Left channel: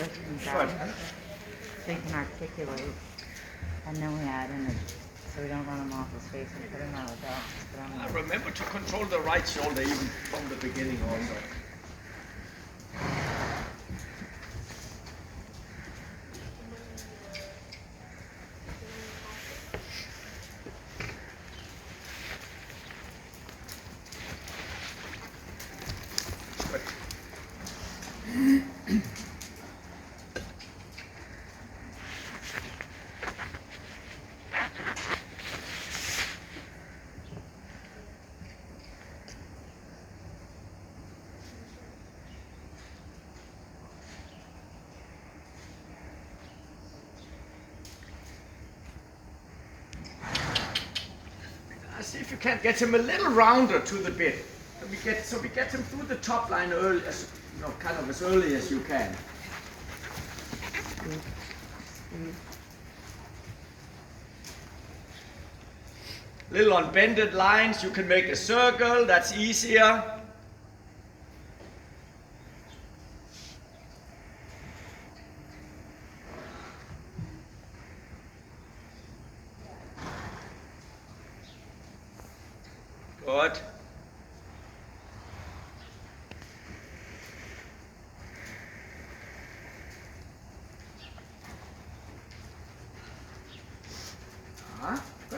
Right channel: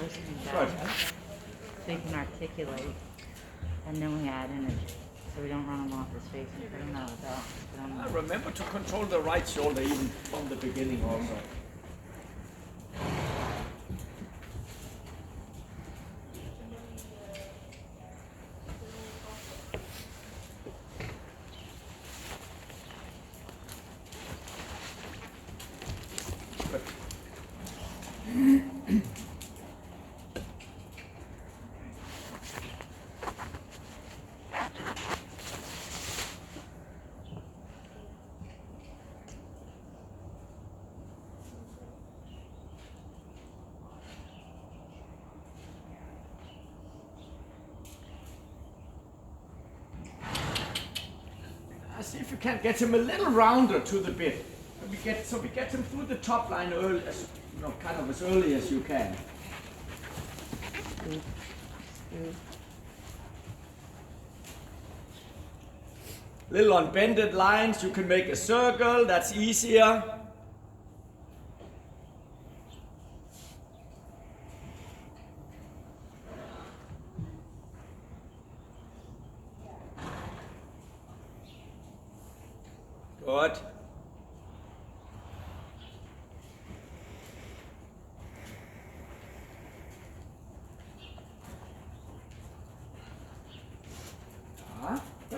Good. So you can articulate, and then we add in it, so we don't run them off his face and put him out of that. Remember to control the right shoulder even from the beginning also. See if you can get him a little rounder to the bit. So we get him through the top line early, kind of as early as you can. Little unbended lines, you can make a circle, that's easier. Good. Good.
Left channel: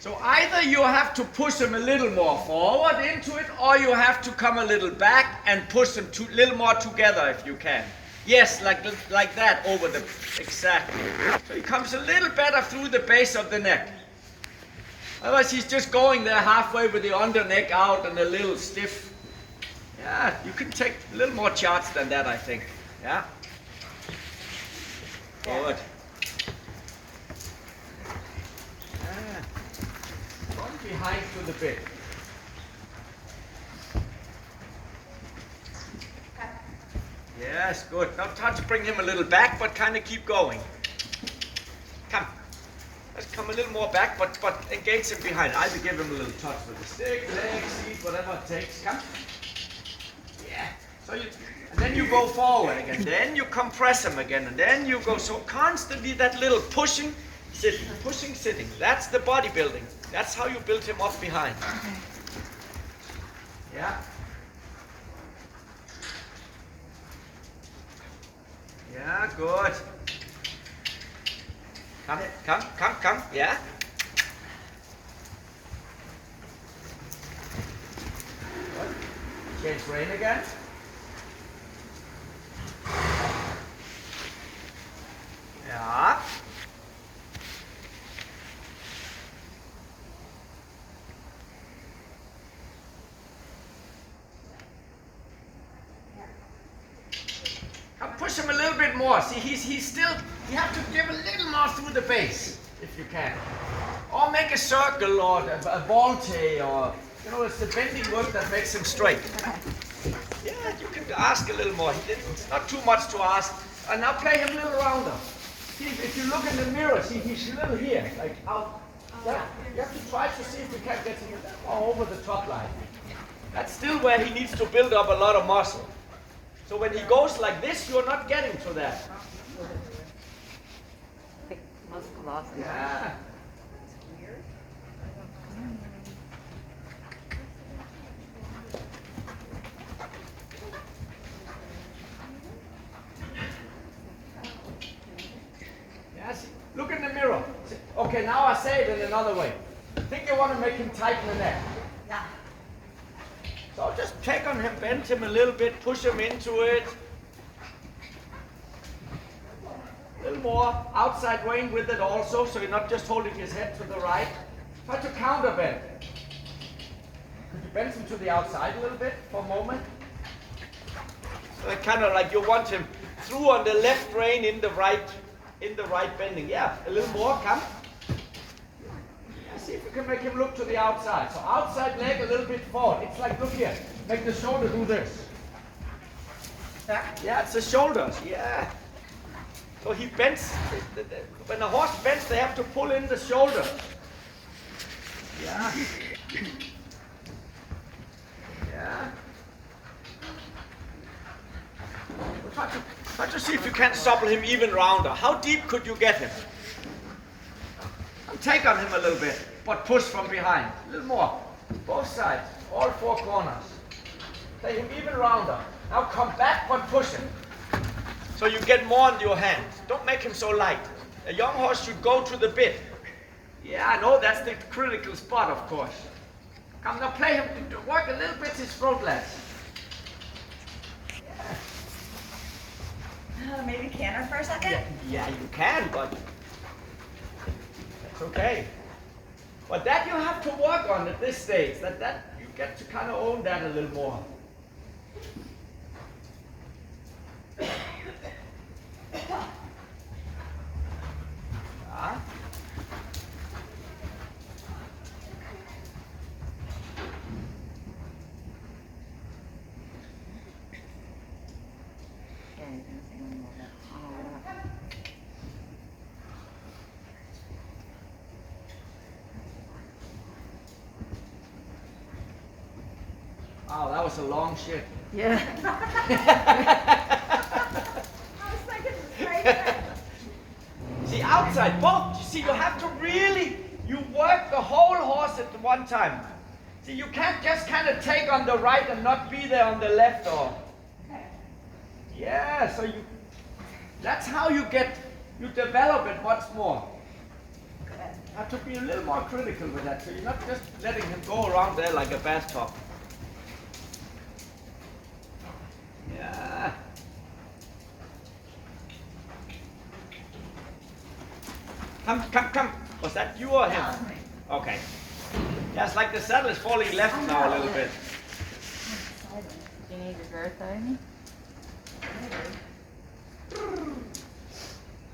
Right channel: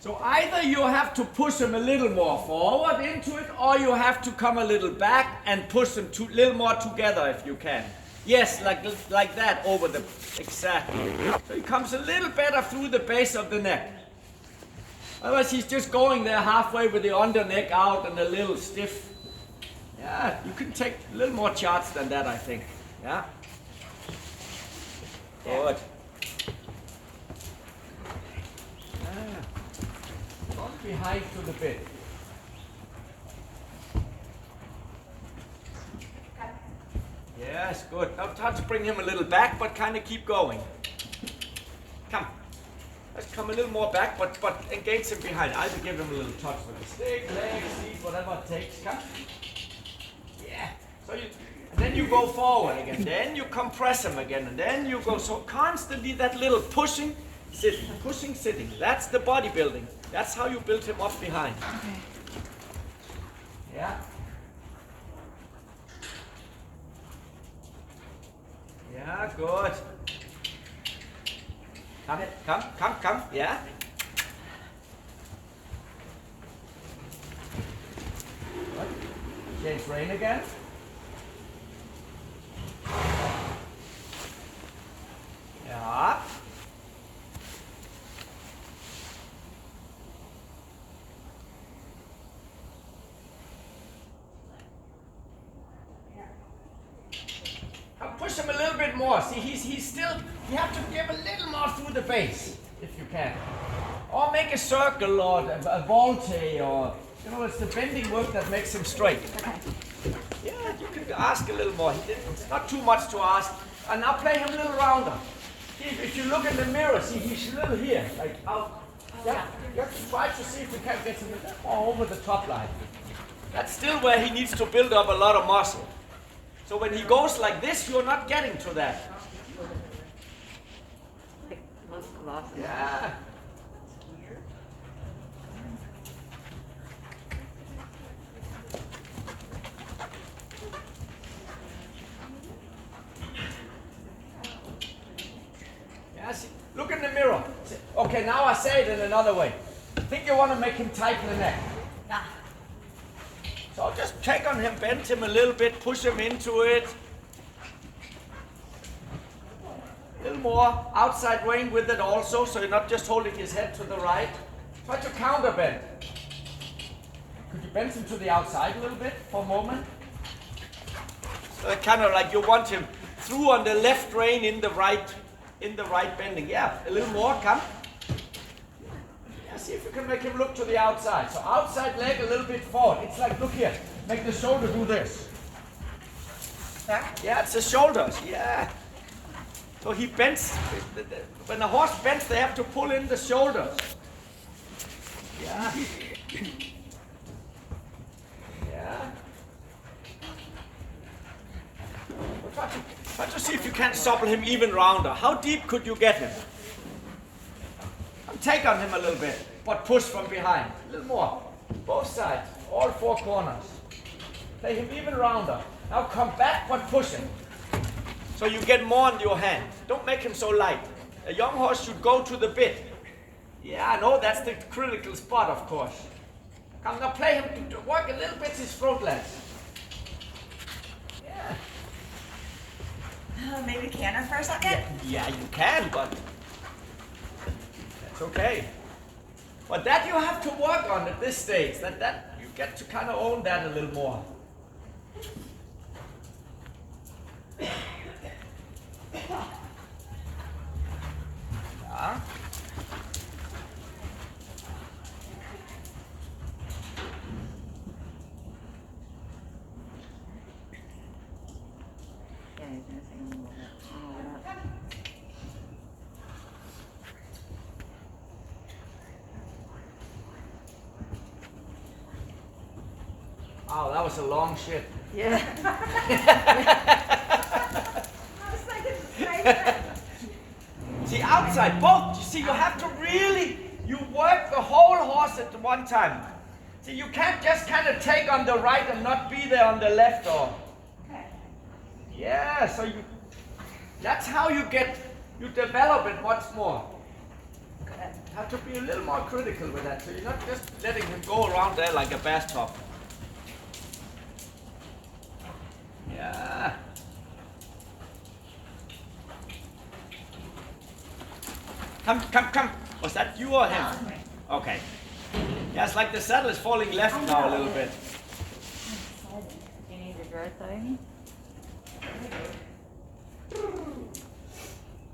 So either you have to push him a little more forward into it, or you have to come a little back and push them a little more together if you can. Yes, like that over the, exactly. So he comes a little better through the base of the neck. Otherwise he's just going there halfway with the under neck out and a little stiff. Yeah, you can take a little more charge than that, I think. Yeah. Good. Behind to the bit. Yes, good. Now try to bring him a little back, but kind of keep going. Come. Let's come a little more back, but engage him behind. Either give him a little touch with the stick, leg, seat, whatever it takes. Come. Yeah. So and then you go forward again. Then you compress him again, and then you go. So constantly that little pushing, sitting, pushing, sitting. That's the bodybuilding. That's how you build him up behind. Okay. Yeah. Yeah, good. Come. Yeah. Good. Change rein again. Yeah. Push him a little bit more. See, he's still, you have to give a little more through the base, if you can. Or make a circle, or a volte, or, it's the bending work that makes him straight. Okay. Yeah, you can ask a little more. It's not too much to ask. And now play him a little rounder. See, if you look in the mirror, see, he's a little here, like out. Yeah, you have to try to see if you can get him more over the top line. That's still where he needs to build up a lot of muscle. So when he goes like this, you're not getting to that. Yeah. Yes. Look in the mirror. Okay, now I say it in another way. Think you want to make him tighten the neck. Yeah. So just check on him, bend him a little bit, push him into it. A little more outside rein with it also, so you're not just holding his head to the right. Try to counter bend. Could you bend him to the outside a little bit for a moment? So kind of like you want him through on the left rein in the right in the right bending. Yeah, a little more, come. Yeah, see if you can make him look to the outside. So outside leg a little bit forward. It's like, look here, make the shoulder do this. Back? Yeah, it's the shoulders, yeah. So he bends, when a horse bends, they have to pull in the shoulders. Yeah. Yeah. Well, try to see if you can supple him even rounder. How deep could you get him? Take on him a little bit, but push from behind. A little more. Both sides, all four corners. Take him even rounder. Now come back, but push him. So you get more in your hand. Don't make him so light. A young horse should go to the bit. Yeah, I know that's the critical spot, of course. Come now, play him to work a little bit his throat length. Yeah. Maybe canter for a second? Yeah, you can, but that's okay. But that you have to work on at this stage. That you get to kind of own that a little more. Yeah. Yeah, you're gonna say more of that. Oh, that was a long shit. Yeah. See, outside, both. You see, you have to really, you work the whole horse at one time. See, you can't just kind of take on the right and not be there on the left or. Okay. Yeah, so that's how you develop it much more. Good. You have to be a little more critical with that, so you're not just letting him go around there like a bathtub. Yeah. Come. Was that you or him? That was me. Okay. Yeah, it's like the saddle is falling left I now a know. little bit. Do you need your girth thing?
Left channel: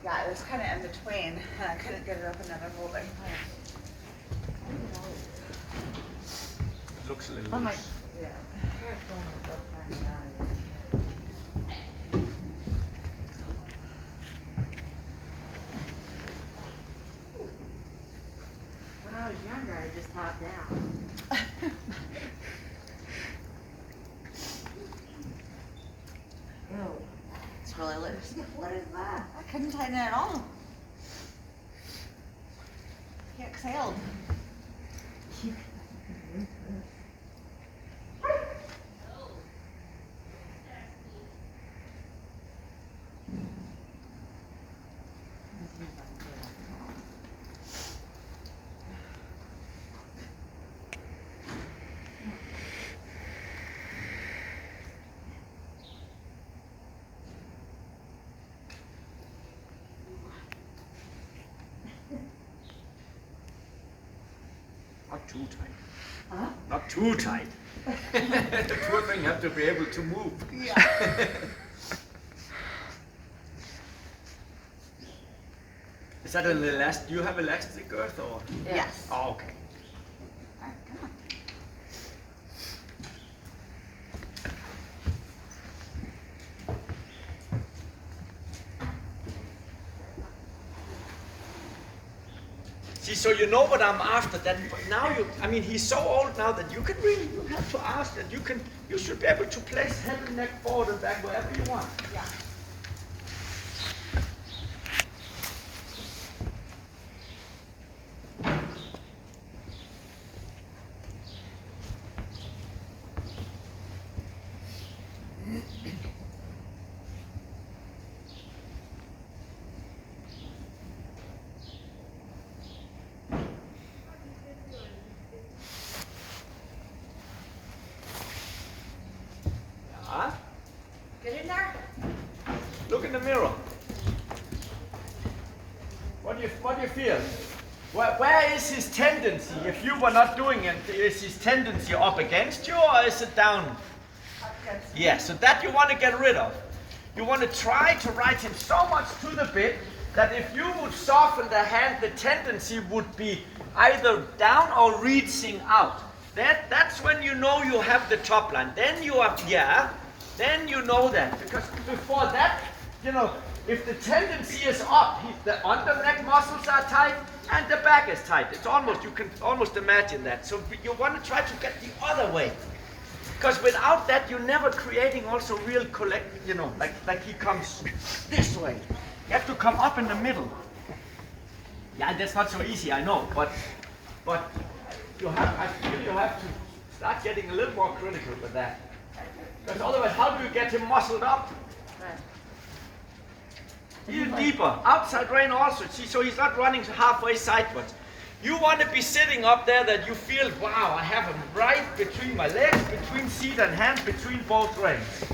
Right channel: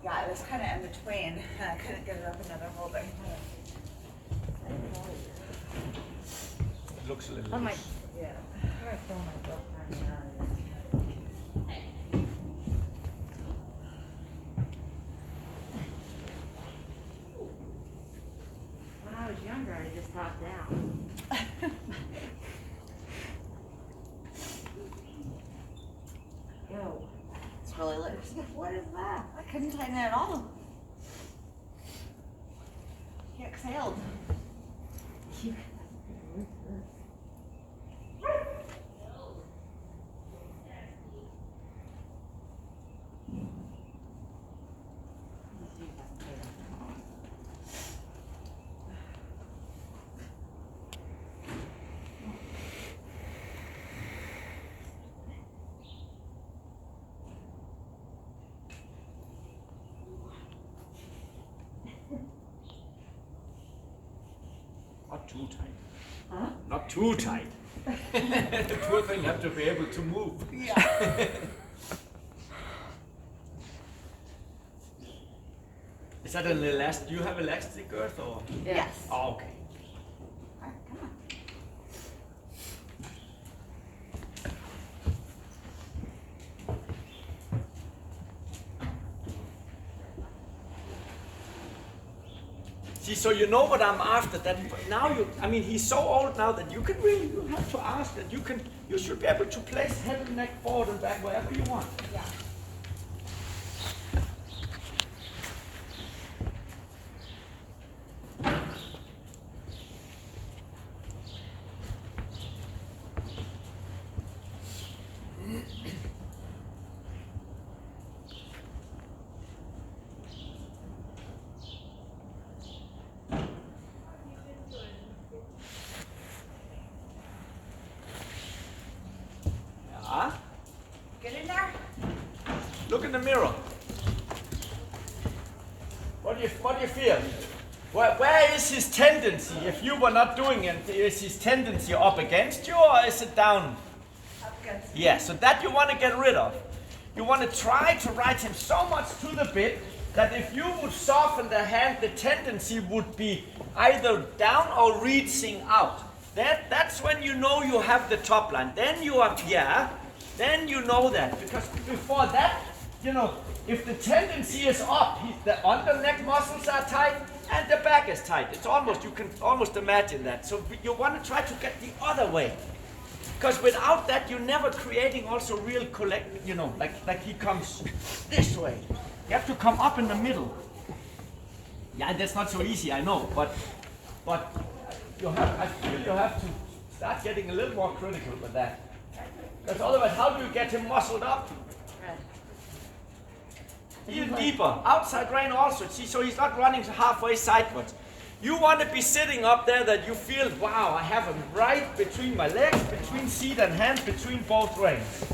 Yeah, it was kind of in between. And I couldn't get it up another holding. Looks a little Oh my. loose. Yeah. Careful. Don't find me out of this. When I was younger, I just hopped down. Ew. It's really loose. What is that? I couldn't tighten it at all. He exhaled. Not too tight. Huh? Not too tight. The poor thing have to be able to move. Yeah. Is that an elastic? Do you have elastic girth or? Yes. Oh, okay. All right, come on. See, so you know what I'm after. That now I mean, he's so old now that you have to ask that you should be able to place head and neck forward and back wherever you want. Yeah. Yeah. Get in there. Look in the mirror. What do you feel? Where is his tendency? If you were not doing it, is his tendency up against you or is it down? Up against. Yeah, so that you want to get rid of. You want to try to ride him so much to the bit that if you would soften the hand, the tendency would be either down or reaching out. That's when you know you have the top line. Then you are, then you know that. Because before that, if the tendency is up, the under neck muscles are tight and the back is tight. It's almost, you can almost imagine that. So you want to try to get the other way. Because without that, you're never creating also real like he comes this way. You have to come up in the middle. Yeah, that's not so easy, I know, but I feel you have to start getting a little more critical with that. Because otherwise, how do you get him muscled up? Even deeper. Outside rein also. See, so he's not running halfway sideways. You want to be sitting up there that you feel, wow, I have him right between my legs, between seat and hand, between both reins.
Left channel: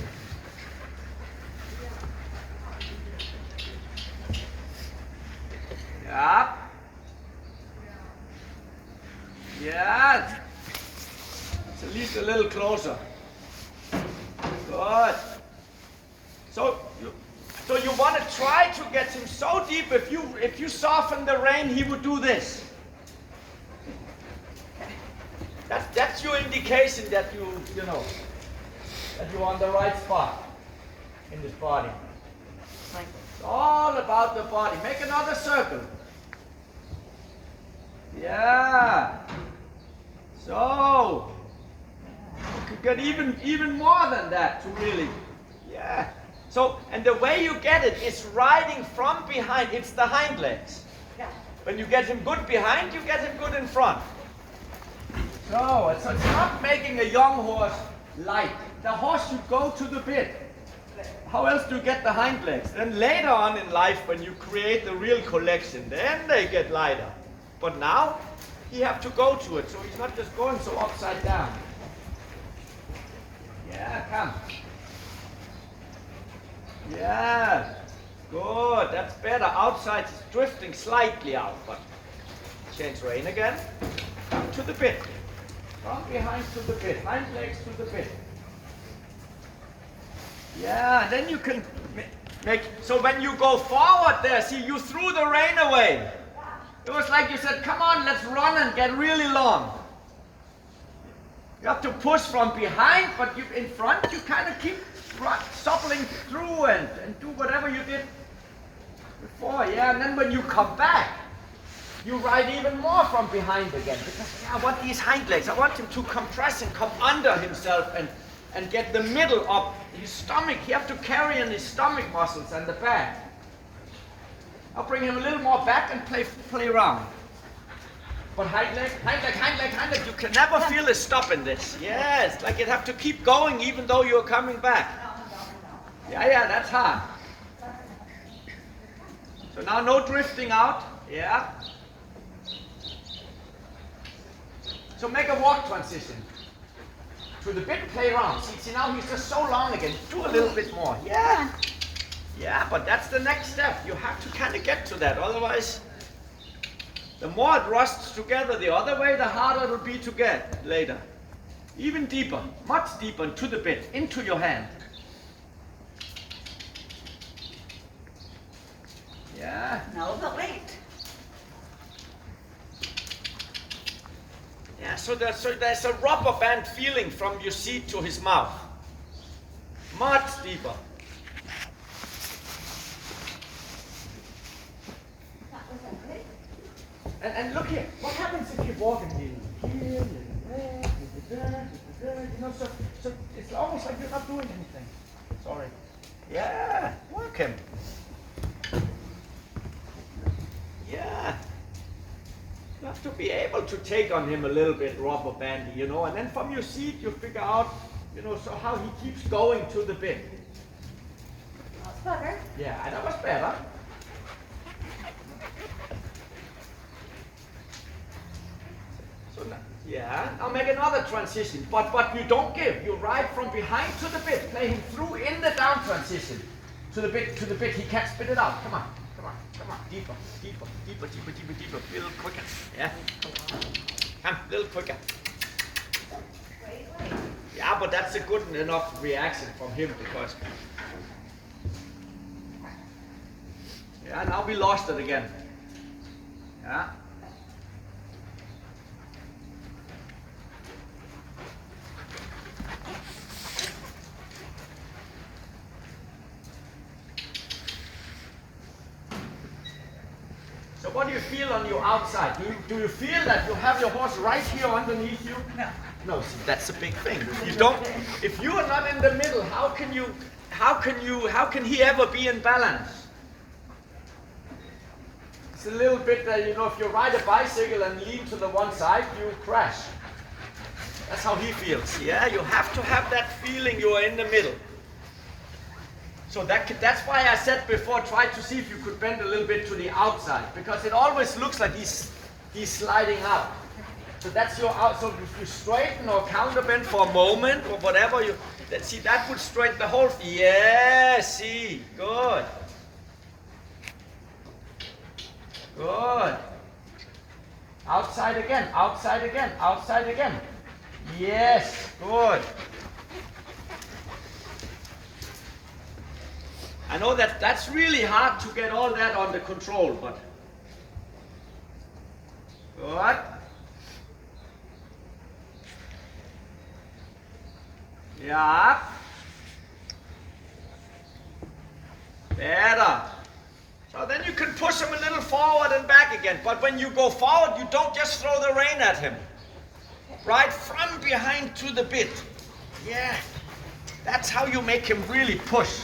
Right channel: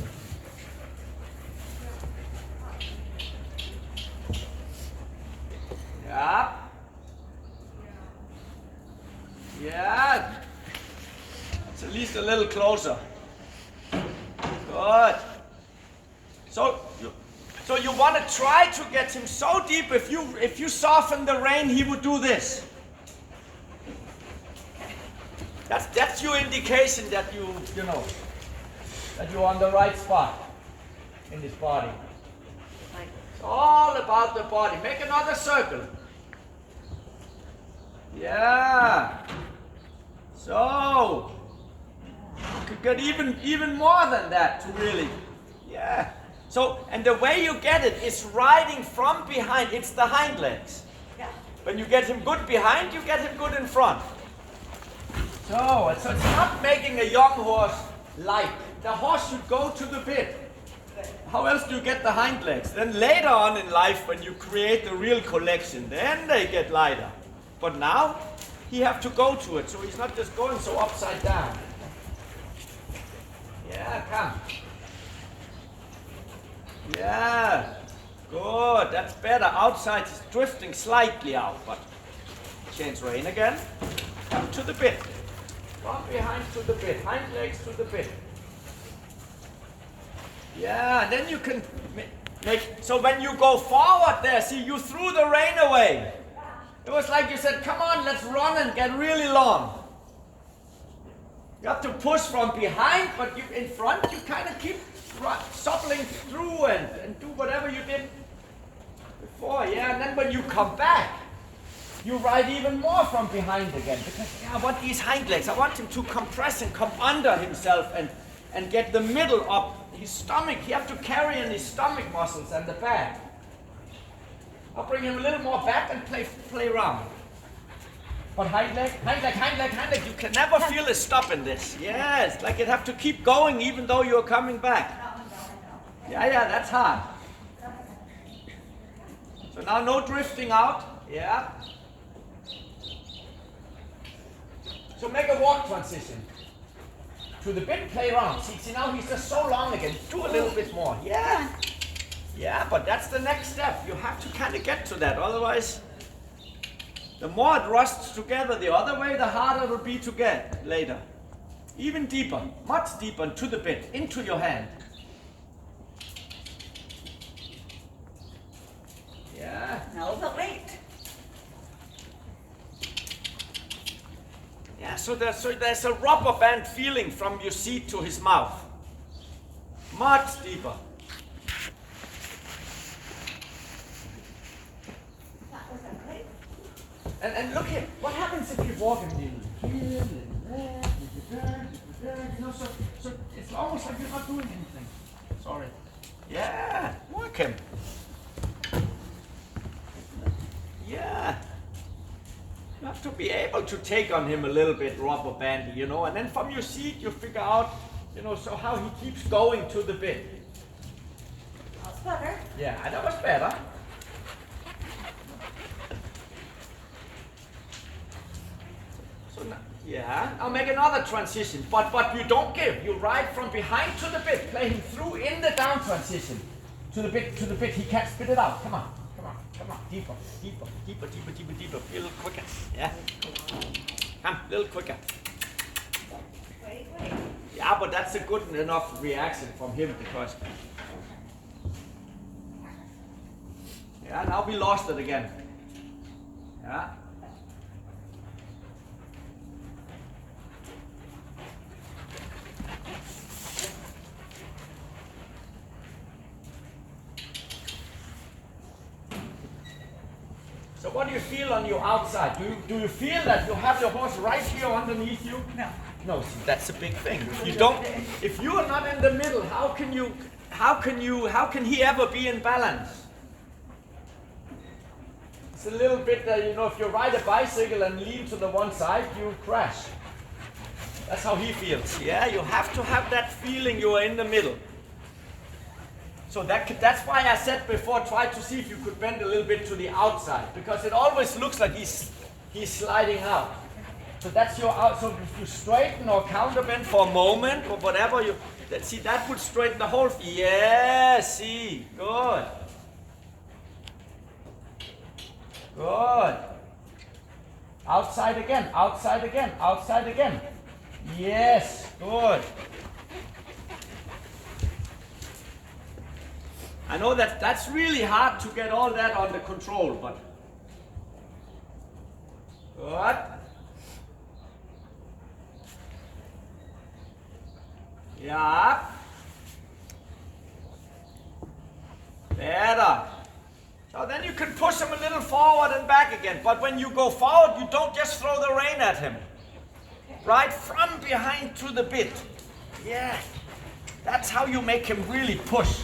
Yeah. Yeah. It's at least a little closer. Good. So you want to try to get him so deep. If you soften the rein, he would do this. That's your indication that that you're on the right spot in this body. It's all about the body. Make another circle. Yeah. So you could get even more than that to really. Yeah. So, and the way you get it is riding from behind. It's the hind legs. Yeah. When you get him good behind, you get him good in front. So it's not making a young horse light. The horse should go to the bit. How else do you get the hind legs? Then later on in life, when you create the real collection, then they get lighter. But now, he have to go to it, so he's not just going so upside down. Yeah, come. Yeah, good, that's better. Outside is drifting slightly out, but change rein again. Come to the bit. From behind to the bit, hind legs to the bit. Yeah, then you can make, so when you go forward there, see, you threw the rein away. It was like you said, come on, let's run and get really long. You have to push from behind, but you in front, you kind of keep suppling through and do whatever you did before. Yeah, and then when you come back, you ride even more from behind again. Because I want these hind legs, I want him to compress and come under himself and get the middle up. His stomach, you have to carry in his stomach muscles and the back. I'll bring him a little more back and play around. But hind leg, hind leg, hind leg, hind leg. You can never feel a stop in this. Yes, like you have to keep going even though you're coming back. Yeah, that's hard. So now no drifting out. Yeah. So make a walk transition. To the bit, play around. See now he's just so long again. Do a little bit more. Yeah. Yeah, but that's the next step. You have to kind of get to that. Otherwise, the more it rusts together the other way, the harder it will be to get later. Even deeper, much deeper to the bit, into your hand. Yeah. No, but wait. Yeah, so there's a rubber band feeling from your seat to his mouth. Much deeper. And look here, what happens if you walk in here, so it's almost like you're not doing anything. Sorry. Yeah, work him. Yeah. You have to be able to take on him a little bit rubber bandy, and then from your seat you figure out, so how he keeps going to the bit. That's better. Yeah, that was better. So now, yeah, I'll make another transition, but you don't give. You ride from behind to the bit, play him through in the down transition. To the bit, he can't spit it out. Come on. Deeper. A little quicker. Yeah. Come, a little quicker. Wait. Yeah, but that's a good enough reaction from him because. Yeah, now we lost it again. Yeah. So what do you feel on your outside? Do you feel that you have your horse right here underneath you? No. No, see, that's a big thing. If you are not in the middle, how can he ever be in balance? It's a little bit, if you ride a bicycle and lean to the one side, you crash. That's how he feels. Yeah, you have to have that feeling you are in the middle. So that's why I said before, try to see if you could bend a little bit to the outside, because it always looks like he's sliding out. So that's your out. So if you straighten or counterbend for a moment or whatever, that would straighten the whole. Yeah, see, good. Good. Outside again, outside again, outside again. Yes, good. I know that's really hard to get all that under control, but good. Yeah. Better. So then you can push him a little forward and back again. But when you go forward, you don't just throw the rein at him. Right from behind to the bit. Yeah. That's how you make him really push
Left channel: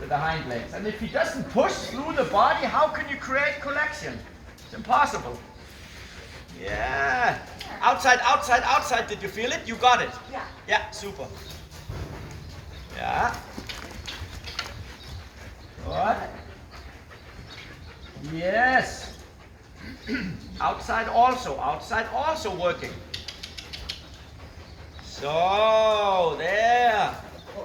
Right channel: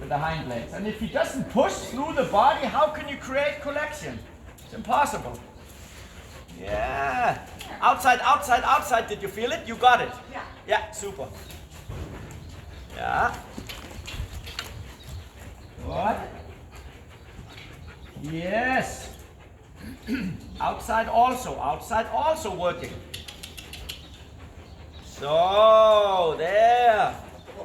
with the hind legs. And if he doesn't push through the body, how can you create collection? It's impossible. Yeah. Outside, outside, outside. Did you feel it? You got it? Yeah. Yeah, super. Yeah. Good. Yes. Outside also working. So, there.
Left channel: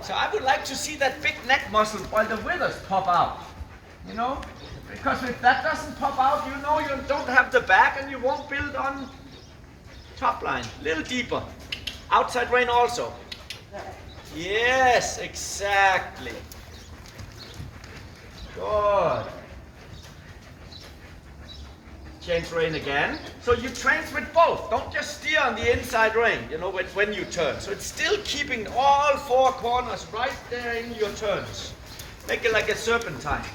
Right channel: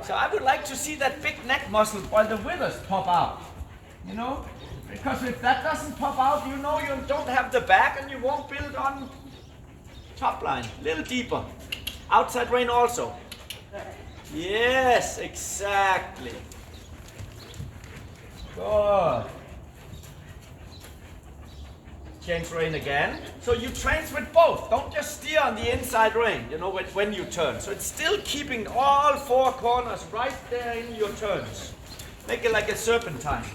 So I would like to see that big neck muscle while the withers pop out. Because if that doesn't pop out, you don't have the back and you won't build on top line. A little deeper. Outside rein also. Yes, exactly. Good. Change rein again. So you train with both. Don't just steer on the inside rein, when you turn. So it's still keeping all four corners right there in your turns. Make it like a serpentine.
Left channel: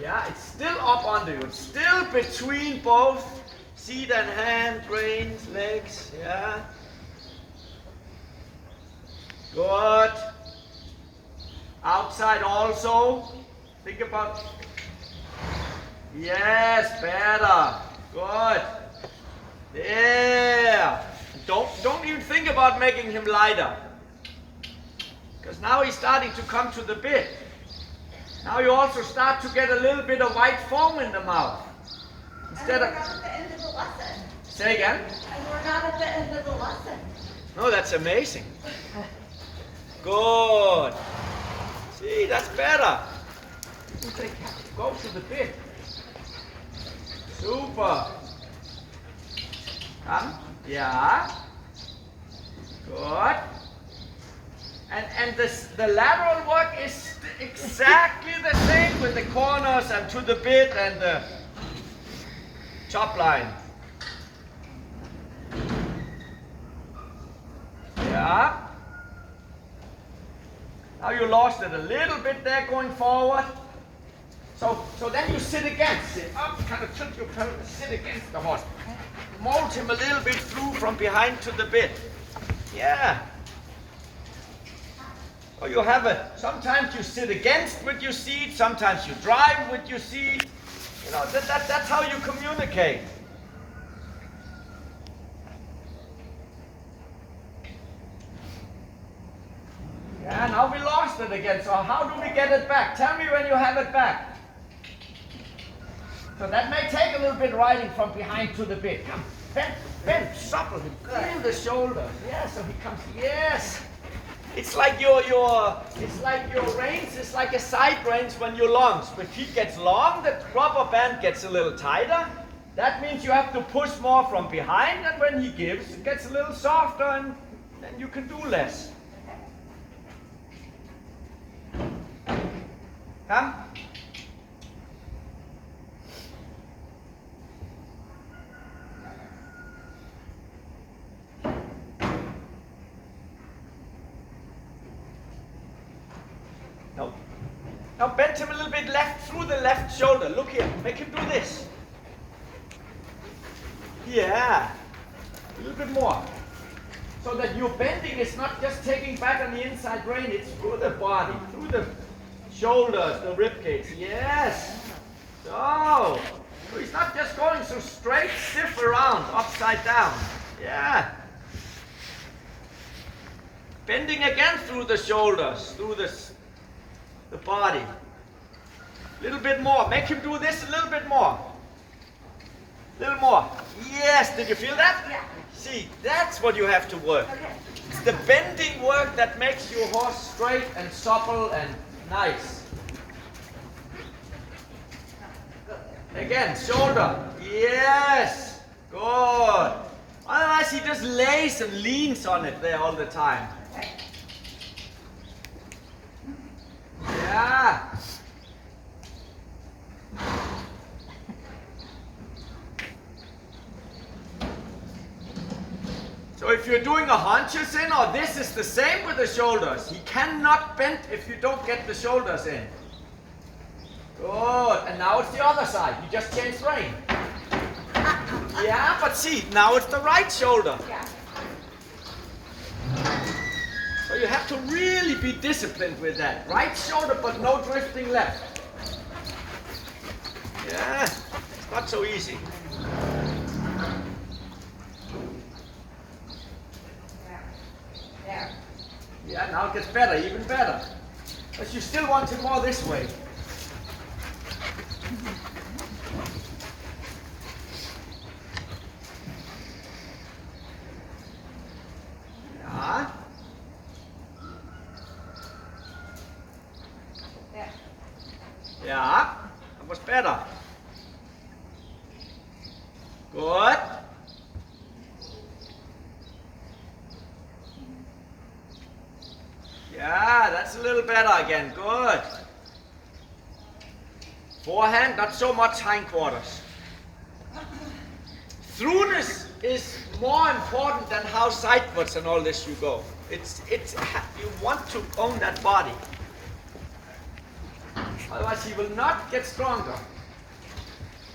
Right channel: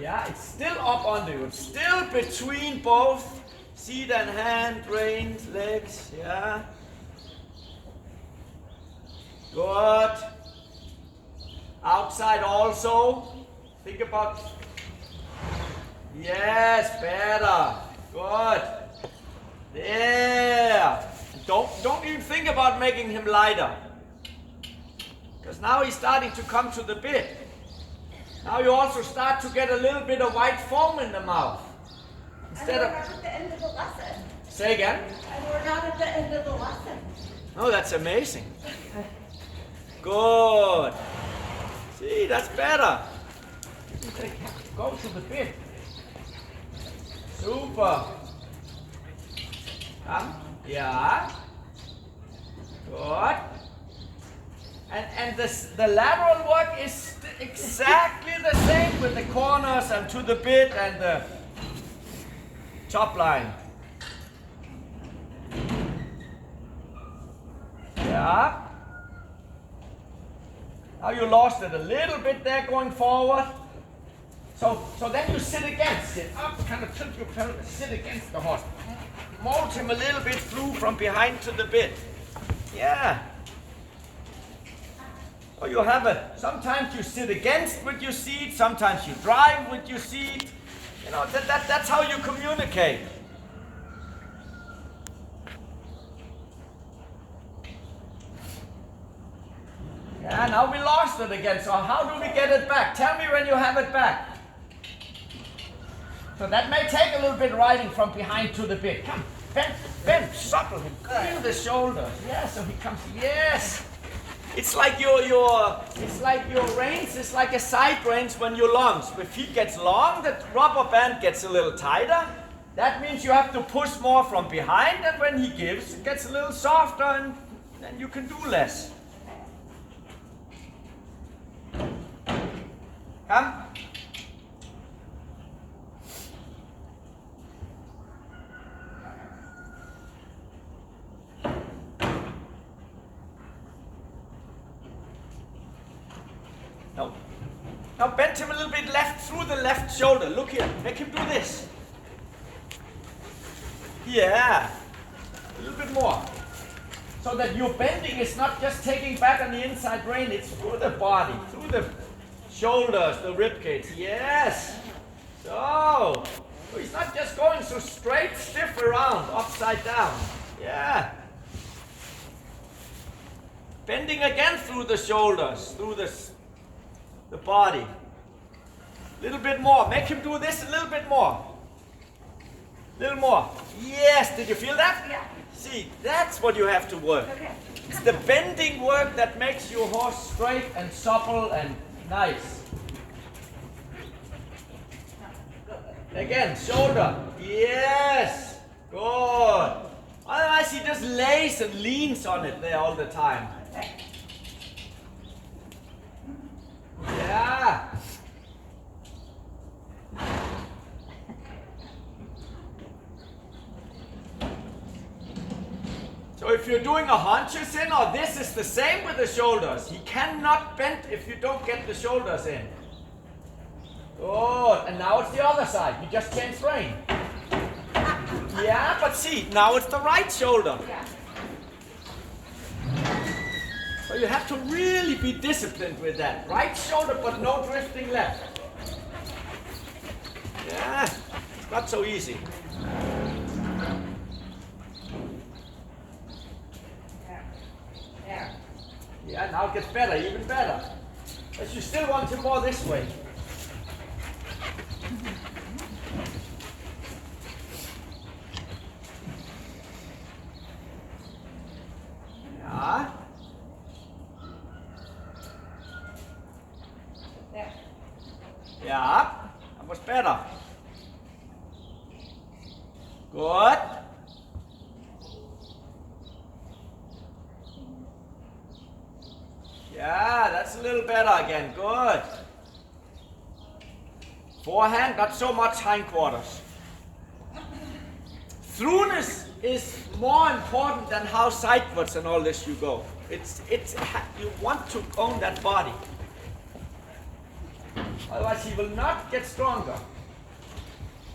Yeah, it's still up under you. It's still between both seat and hand, reins, legs. Yeah. Good. Outside also. Think about. Yes, better. Good. There. Don't even think about making him lighter. Because now he's starting to come to the bit. Now you also start to get a little bit of white foam in the mouth. Instead of. We're not at the end of the lesson. Say again? And we're not at the end of the lesson. No, that's amazing. Good. See, that's better. Go to the bit. Super. Come. Yeah. Good. And the lateral work is exactly the same with the corners and to the bit and the top line. Yeah. Now you lost it a little bit there going forward. So then you sit against it. Up, kind of tilt your pelvis, sit against the horse. Mold him a little bit through from behind to the bit. Yeah. So you have sometimes you sit against with your seat, sometimes you drive with your seat. That's how you communicate. Yeah, now we lost it again. So how do we get it back? Tell me when you have it back. So that may take a little bit riding from behind to the bit. Come, bend, supple him, feel the shoulders. Yeah, so he comes. Yes. It's like your reins. It's like a side reins when you're long. So if he gets long, the rubber band gets a little tighter. That means you have to push more from behind, and when he gives, it gets a little softer, and then you can do less. Now bend him a little bit left through the left shoulder. Look here. Make him do this. Yeah. A little bit more. So that your bending is not just taking back on the inside rein, it's through the body, through the shoulders, the rib cage. Yes. So he's not just going so straight, stiff around, upside down. Yeah. Bending again through the shoulders, through the body. A little bit more. Make him do this a little bit more. A little more. Yes. Did you feel that? Yeah. See, that's what you have to work. Okay. It's the bending work that makes your horse straight and supple and nice. Again, shoulder. Yes. Good. Otherwise, he just lays and leans on it there all the time. Okay. Yeah. So if you're doing a haunches in, or this is the same with the shoulders. He cannot bend if you don't get the shoulders in. Good. And now it's the other side. You just changed rein. Yeah, but see, now it's the right shoulder. Yeah. So you have to really be disciplined with that. Right shoulder, but no drifting left. Yeah, it's not so easy. There. Yeah, now it gets better, even better. But you still want it more this way. Yeah. There. Yeah, that was better. Good. Yeah, that's a little better again. Good. Forehand, not so much hindquarters. Throughness is more important than how sidewards and all this you go. It's you want to own that body. Otherwise he will not get stronger.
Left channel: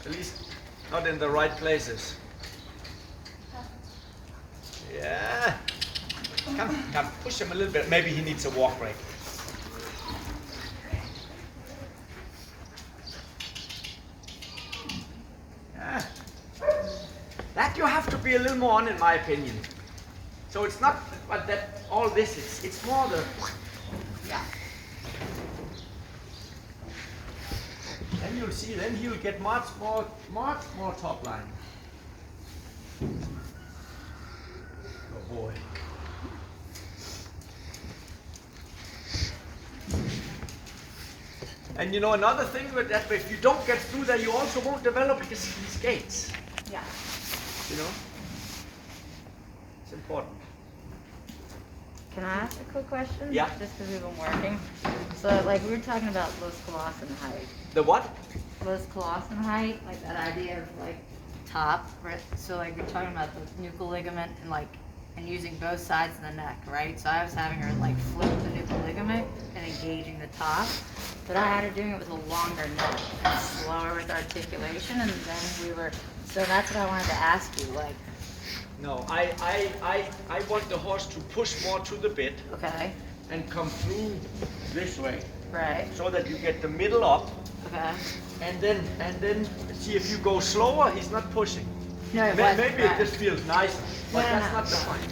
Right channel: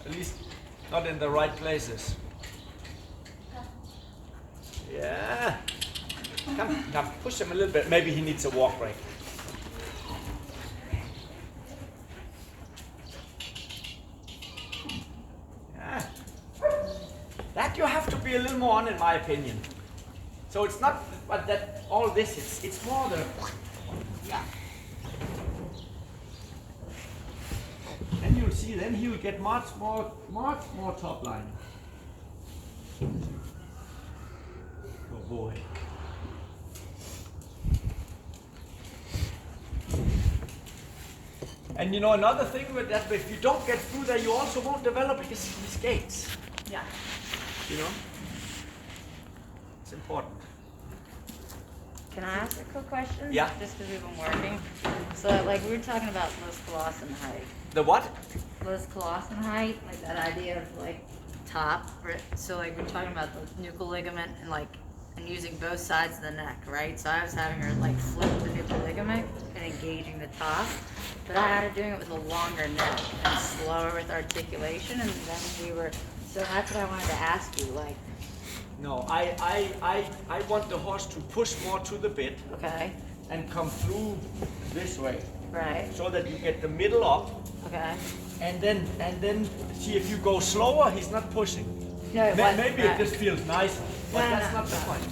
At least not in the right places. Yeah. Come, push him a little bit. Maybe he needs a walk break. Yeah. That you have to be a little more on, in my opinion. So it's not but that all this is. It's more the. Yeah. And you'll see. Then he'll get much more top line. Oh boy. And you know another thing with that, if you don't get through there, you also won't develop his gaits. Yeah. You know, it's important. Can I ask a quick question? Yeah. Just because we've been working. So, like, we were talking about Los Colossan height. The what? Los Colossan height, like that idea of like top, right? So, like, we're talking about the nuchal ligament and like, and using both sides of the neck, right? So I was having her like flip the nuchal ligament and engaging the top, but I had her doing it with a longer neck and slower with articulation, and then we were. So that's what I wanted to ask you, like. No, I want the horse to push more to the bit Okay. and come through this way, Right. so that you get the middle up, Okay. and then see if you go slower, he's not pushing. No, Maybe it just feels nice, but No, that's no. not the point.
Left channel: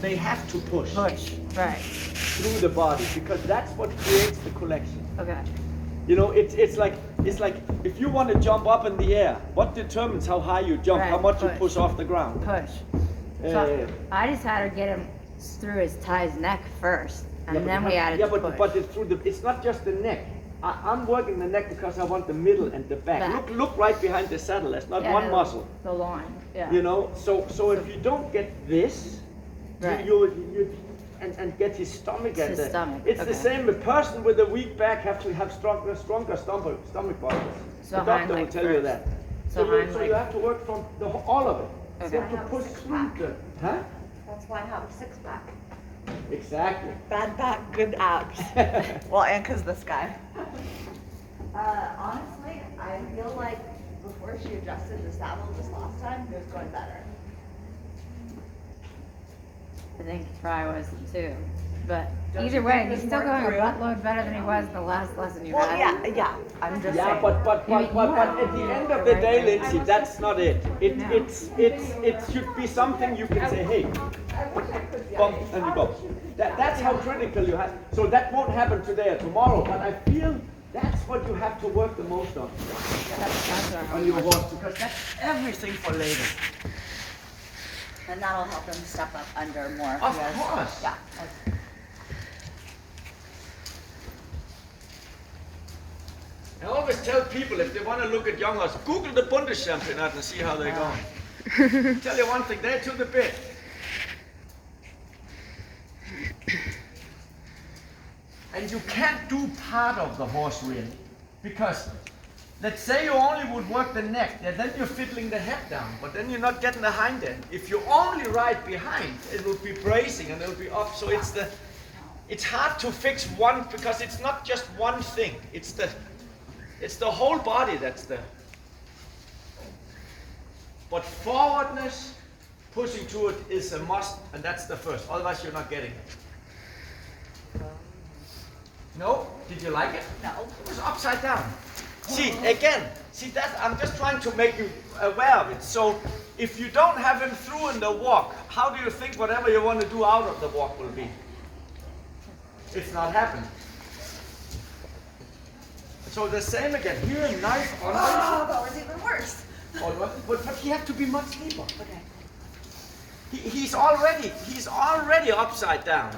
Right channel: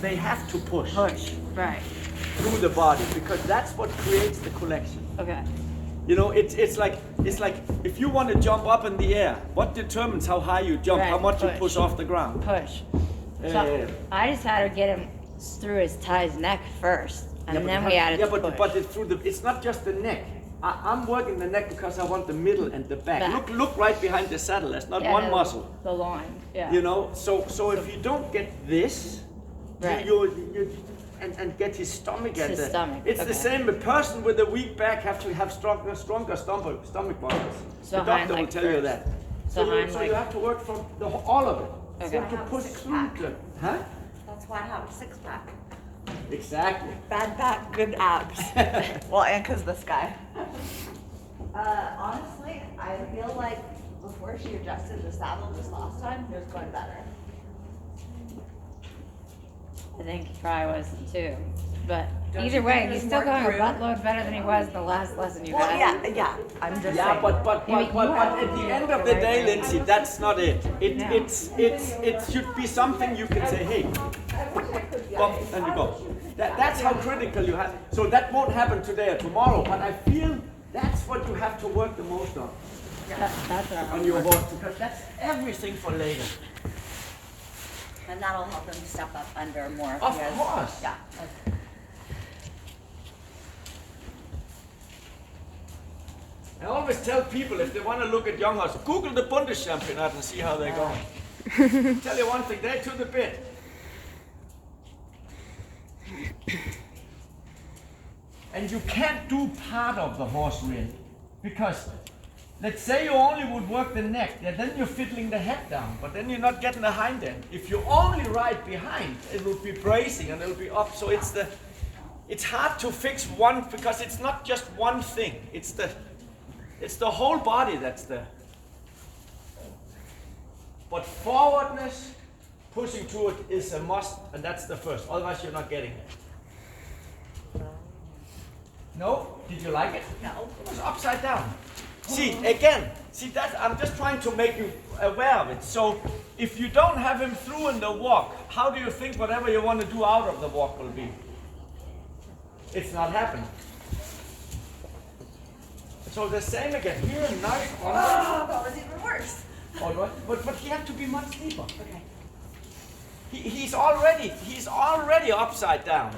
They have to push Push. Right. through the body, because that's what creates the collection. Okay. You know, it's like if you want to jump up in the air, what determines how high you jump, Right, how much you push. push off the ground? Push. Uh, So I just had her get him through his Ty's neck first, and then we added the push. but it's not just the neck. I'm working the neck because I want the middle and the back. Back. Look right behind the saddle. There's not Yeah, one the- muscle. The line. Yeah. You know, so if you don't get this, Right. you and get his stomach at His the. stomach, It's okay. the same. A person with a weak back have to have stronger stomach muscles. So the doctor hind will leg tell you first. that. So So, hind you leg. have to work from all of it. Okay. So to push through the, huh? That's why I have a six pack. Exactly. Bad back, good abs. Well, and because this guy. Honestly, I feel like before she adjusted the saddle this last time, it was going better. I think he probably was too. But Don't either you way, think he's he's still more going a improved? buttload better than he was the last lesson you Well, had. yeah, I'm just Yeah, saying. but at the end of the day, Lindsay, that's not it. It should be something you can say, hey, bump, and you go. That's how critical you have. So that won't happen today or tomorrow, but I feel that's what you have to work the most on That's all right. on your horse, because that's everything for later. And that'll help him step up under more. Of course. Yeah. I always tell people if they want to look at young horses, Google the Bundeschampionat and see how they're going. Tell you one thing, they're to the bit. And you can't do part of the horse really, because let's say you only would work the neck, yeah, then you're fiddling the head down, but then you're not getting the hind end. If you only ride behind, it will be bracing and it'll be up. So it's hard to fix one, because it's not just one thing. It's the whole body that's there. But forwardness, pushing through it is a must, and that's the first. Otherwise, you're not getting it. No? Did you like it? No. It was upside down. See, again, that I'm just trying to make you aware of it. So, if you don't have him through in the walk, how do you think whatever you want to do out of the walk will be? It's not happening. So the same again. Here, nice. Oh, that was even worse. But he had to be much deeper. Okay. He's already upside down.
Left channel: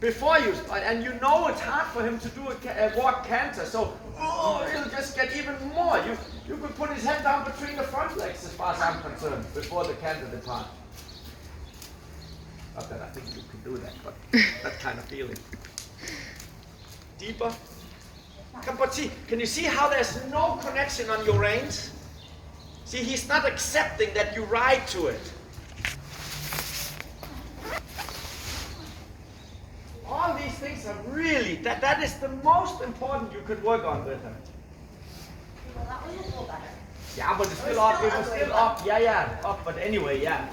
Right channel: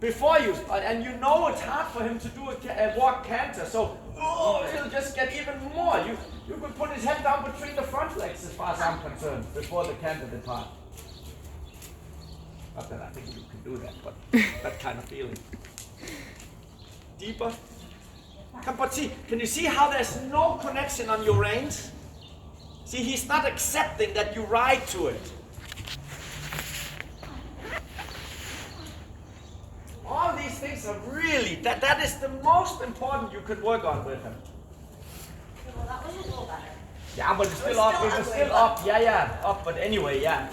Before you, and you know it's hard for him to do a walk canter, so he'll just get even more. You could put his head down between the front legs as far as I'm concerned, before the canter depart. Not that I think you could do that, but that kind of feeling. Deeper. But see, can you see how there's no connection on your reins? See, he's not accepting that you ride to it. All these things are really, that is the most important you could work on with him. Okay, well, that was a little better. Yeah, but it's still up, it was still up, yeah, up, but anyway, yeah.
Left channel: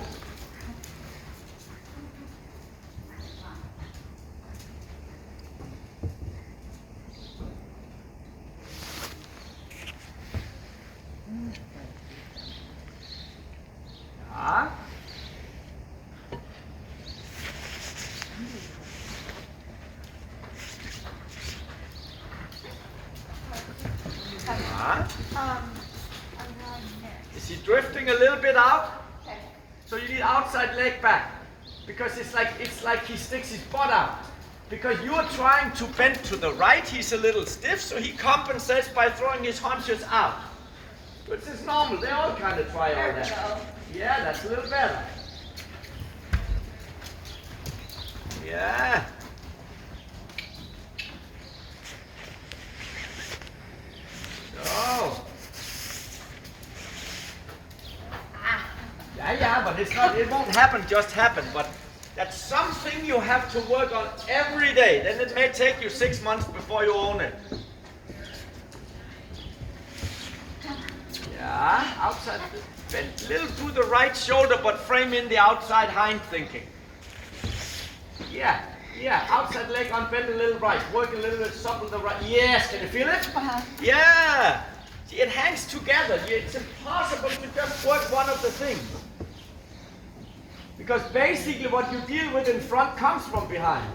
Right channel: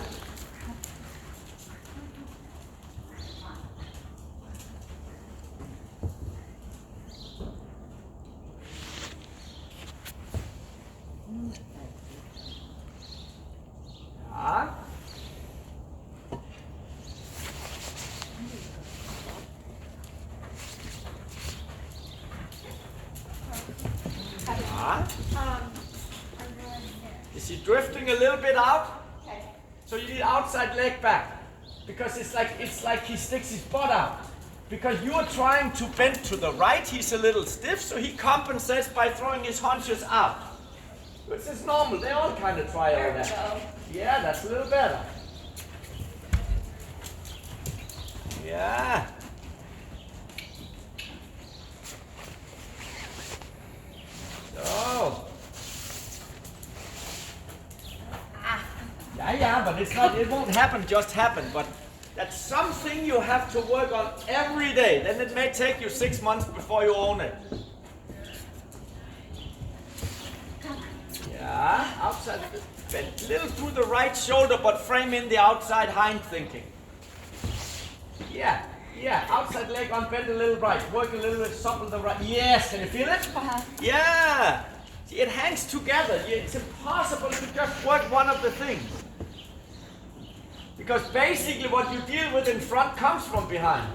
Is he drifting a little bit out? Okay. So you need outside leg back, because it's like he sticks his butt out. Because you're trying to bend to the right, he's a little stiff, so he compensates by throwing his haunches out. Which is normal, they all kind of try all that. Go. Yeah, that's a little better. Yeah. So. Yeah, but it won't just happen, but that's something you have to work on every day. Then it may take you 6 months before you own it. Yeah, outside, bend a little to the right shoulder, but frame in the outside hind thinking. Yeah, outside leg on, bend a little right, work a little bit, supple the right. Yes, can you feel it? Yeah. See, it hangs together. It's impossible to just work one of the things. Because basically what you deal with in front comes from behind.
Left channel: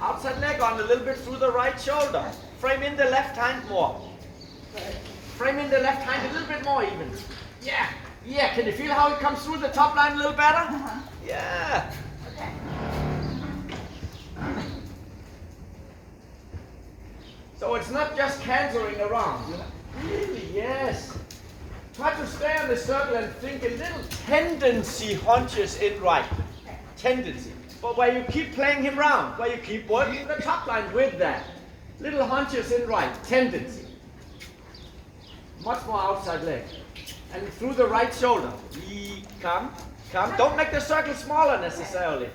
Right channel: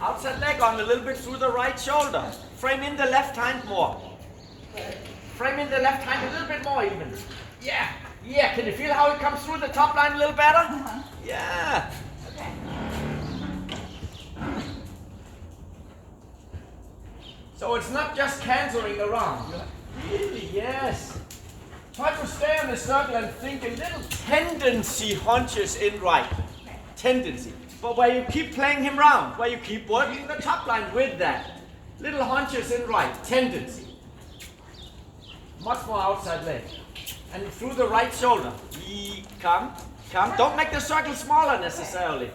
Outside leg on a little bit through the right shoulder. Frame in the left hand more. Frame in the left hand a little bit more even. Yeah. Can you feel how it comes through the top line a little better? Yeah. Okay. So it's not just cantering around. Really, yes. Try to stay on the circle and think a little tendency hunches in right. Tendency. But where you keep playing him round, where you keep working the top line with that. Little hunches in right. Tendency. Much more outside leg. And through the right shoulder. Come. Don't make the circle smaller necessarily.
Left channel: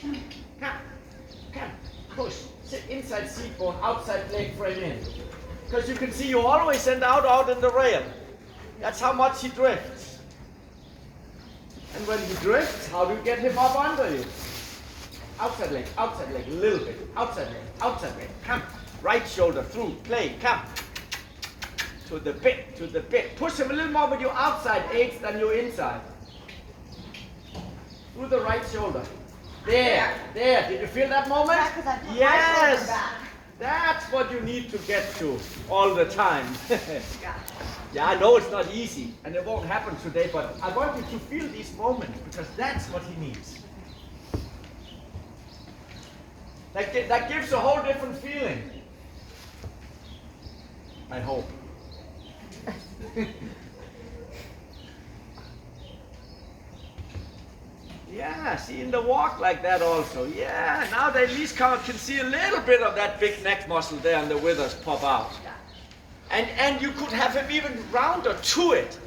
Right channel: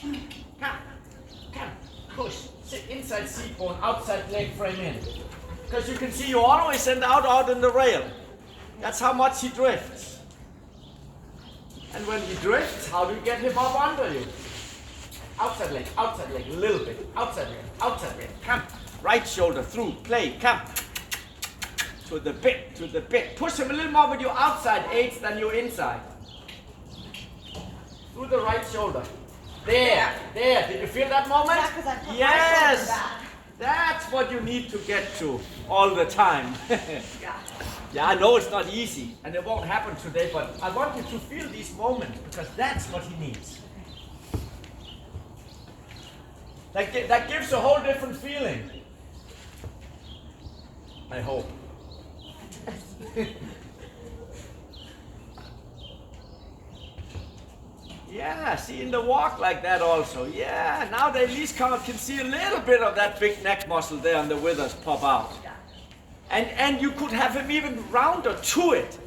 Come. Come. Push. Sit inside seat bone, outside leg frame in. Because you can see you always end out in the rail. That's how much he drifts. And when he drifts, how do you get him up under you? Outside leg, a little bit. Outside leg. Come. Right shoulder through, play, come. To the bit. Push him a little more with your outside aids than your inside. Through the right shoulder. There. Did you feel that moment? Yeah, 'cause I put my shoulder back. That's what you need to get to all the time. Yeah. Yeah, I know it's not easy and it won't happen today, but I want you to feel these moments because that's what he needs. That gives a whole different feeling. I hope. Yeah, see in the walk like that also. Yeah, now they at least can see a little bit of that big neck muscle there and the withers pop out. Yeah. And you could have him even rounder to it.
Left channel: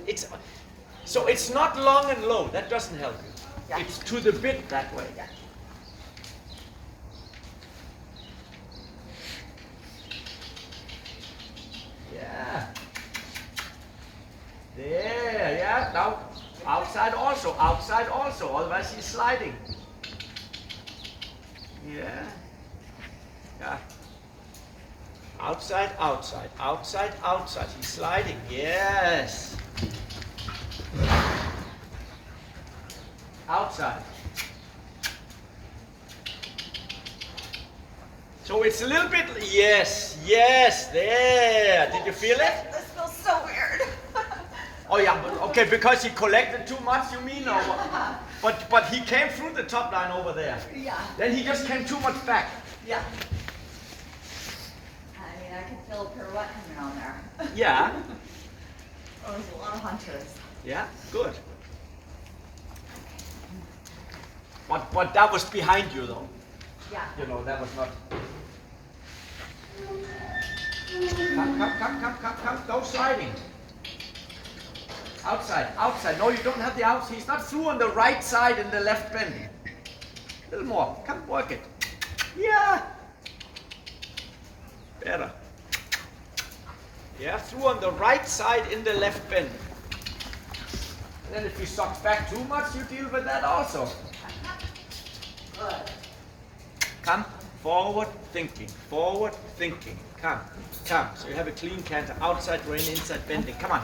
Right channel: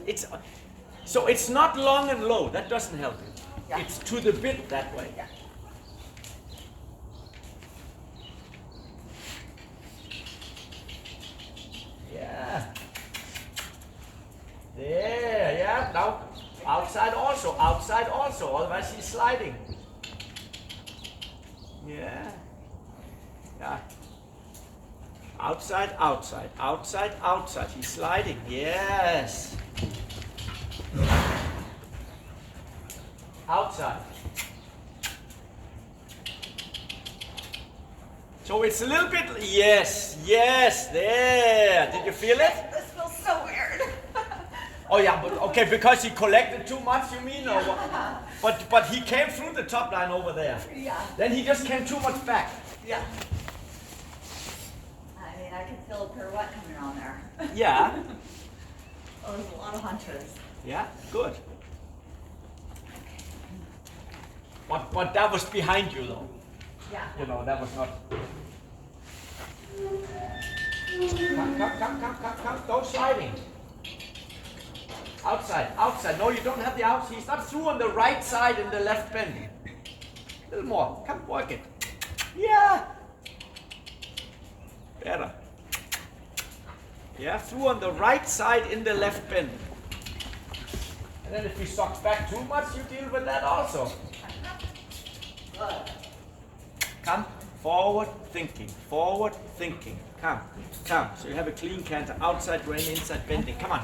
So it's not long and low. That doesn't help you. Yeah. It's to the bit that way. Yeah. Yeah. There, yeah. Now outside also, otherwise he's sliding. Yeah. Yeah. Outside. He's sliding. Yes. Outside. So it's a little bit, yes, there. Did you feel it? This feels so weird. Oh yeah, but okay, because he collected too much, you mean? Or what? But he came through the top line over there. Yeah. Then he just came too much back. Yeah. I mean, I can feel a pirouette coming on there. Yeah. Oh, there's a lot of hunches. Yeah, good. But that was behind you though. Yeah. You know, that was not. Come, go sliding. Outside. No, you don't have the outside. He's not through on the right side in the left bend. A little more. Come, work it. Yeah. Better. Yeah, through on the right side in the left bend. And then if he sucks back too much, you deal with that also. Good. Come, forward thinking. Come. So you have a clean canter, outside grain, inside bending. Come on.